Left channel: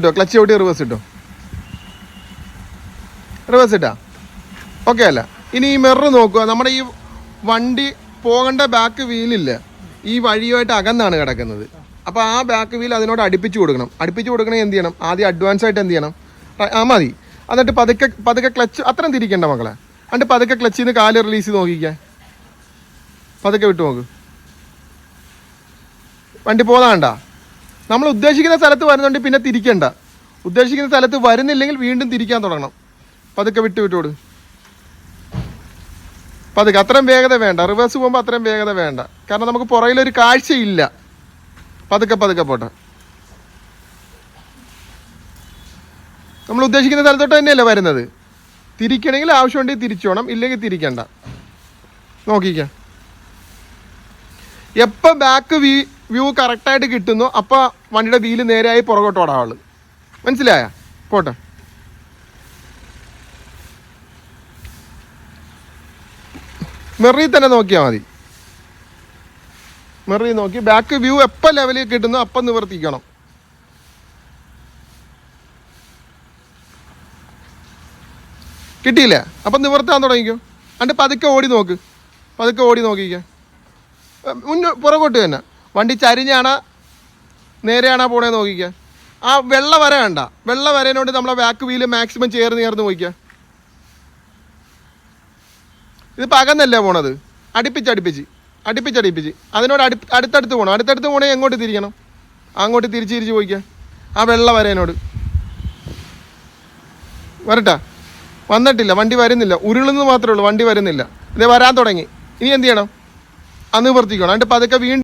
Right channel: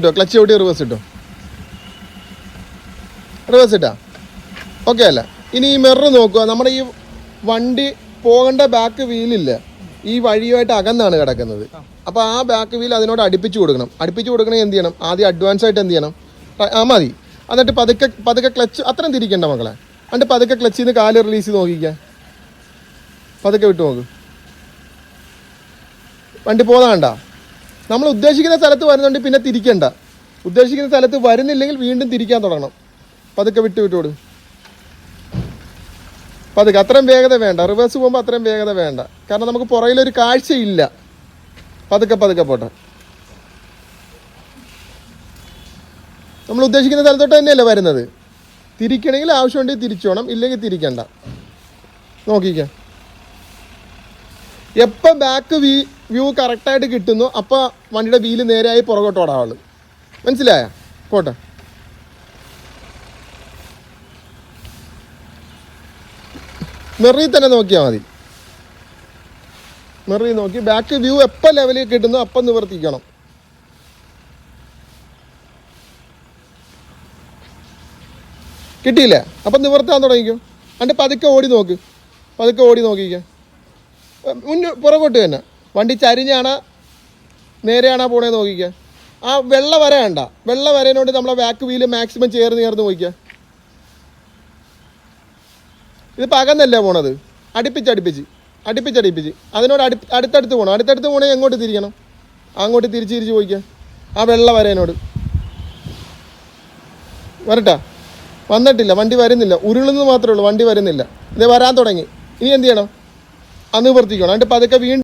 ഇട്ടോ ക്ലച്ച് ചവിട്ടി റിവേഴ്സ് ഇട്ടോ? റിവേഴ്സ് ഇട്ടാ? ഓക്കെ അല്ല. ഇനി ഈ മിറർ നോക്കുക. നമ്മുടെ ഈ വണ്ടി പോകേണ്ട ബാക്ക് വീലില്ല ഈ വഴിയുമായിട്ട് അകന്നാണ് കിടക്കുന്നത്. അപ്പോൾ ആ ബാക്ക് വീൽ അതിനോട് അടുപ്പിച്ചു കൊടുക്കണം. അടുപ്പിച്ചു കൊടുക്കണമെങ്കിൽ എന്ത് ചെയ്യണം? ആദ്യം അഡ്വാൻസ് ആയിട്ട് എന്ത് ചെയ്യണം? ആ- ആ മതി. എന്നിട്ട് പതുക്കെ പതുക്കെ ക്ലച്ച് അത്രയും തിരിക്കണ്ട മക്കളെ. എന്നിട്ട് പതുക്കെ ക്ലച്ചിൽ നിന്ന് കാൽ റിലീസ് ചെയ്ത് നോക്കിക്കാൻ പതുക്കെ വിട്ടു നോക്ക്. വണ്ടി പോകാണ്ട നമ്മൾ ഉദ്ദേശിക്കുന്ന സ്ഥലത്ത് വരുന്നുണ്ട് പിന്നെ തിരിക്കണ്ട. ഉദ്ദേശിക്കുന്ന സ്ഥലത്ത് വരുന്നില്ലെങ്കിൽ വീണ്ടും തിരിക്കാൻ തുടങ്ങണം. പതുക്കെ വിട്ടു വിട്ടോട് പതുക്കെ അത്രയും വേഗത വേണ്ട. റിവേഴ്സ് പോകുമ്പോൾ അത്രയും വേഗത വേണ്ട. കാരണം നമുക്ക് പുറകിലൊരു കാഴ്ചയില്ല. പതുക്കെ പതുക്കെ പോട്ടെ. നമ്മൾ ഉദ്ദേശിക്കുന്ന സ്ഥലത്തോട്ട് തന്നെയല്ലേ വരുന്നത്? തിരിക്കണമെങ്കിൽ ആവശ്യമുണ്ടെങ്കിൽ തിരിച്ചോണം ഇല്ലെങ്കിൽ തിരിക്കണ്ട. നോക്കിക്കാം. എപ്പോൾ ബാക്ക് വ്യൂ വ്യൂ കറക്റ്റായിട്ട് കിട്ടുന്നു അപ്പോൾ വണ്ടിയുടെ വീൽ നേരെയായി പുറകോട്ട് ഓടാവുള്ളു മനസ്സിലായ? പോട്ടെ. മെറി തന്നെ നോക്കിയാൽ മതി. മെറി നോക്കി. ബാക്ക് വ്യൂ എപ്പോൾ ലെവലിൽ കിട്ടുന്നു അപ്പം നിവർത്തിക്കണം. കിട്ടിയില്ലേ? അപ്പം നിവർത്താൻ തുടങ്ങിക്കോ. അതിന്റെ പതുക്കെ ഓടി നോക്ക്. പതുക്കെ ഓടി നോക്കിക്കേ. മുന്നോ പുറകോട്ട് തന്നെ. വണ്ടി ചരിഞ്ഞാണ് നേരെയാണോ പോണേ നോക്കിക്ക. ആ വെള്ള വര വേണ്ട വെള്ള വരേനോട് നമ്മളെ ബാക്ക് വീൽ മാക്സിമം ചേർന്ന് ചേർന്ന് നോക്കിക്ക. ഇത് പകന്നല്ലേ പോണത്? അടുപ്പിച്ച് അടുപ്പിച്ച്. അടുപ്പിച്ച് അടുപ്പിച്ച്. അതിനോട് അടു അടുത്തടുത്ത് പോകണം അടുത്തടുത്ത് പോണേ എങ്ങോട്ട് തിരിക്കണം അങ്ങോട്ട് തിരിച്ച് തിരിച്ച് പോയിക്ക. ആ വെള്ള വരേനോട്. വരട്ടെ. വന്നിട്ടില്ല. വണ്ടി വരുന്നില്ല. ഉരുളുന്നത് മാത്രമേ ഉള്ളൂ. വണ്ടി വരുന്നില്ല. ഇത് വരാൻ തുടങ്ങി. ഇനി എന്ത് ചെയ്യണം? അന്ന് നിവർത്തിക്കണം. എന്നിട്ട് പതുക്കെ വീണ്ടും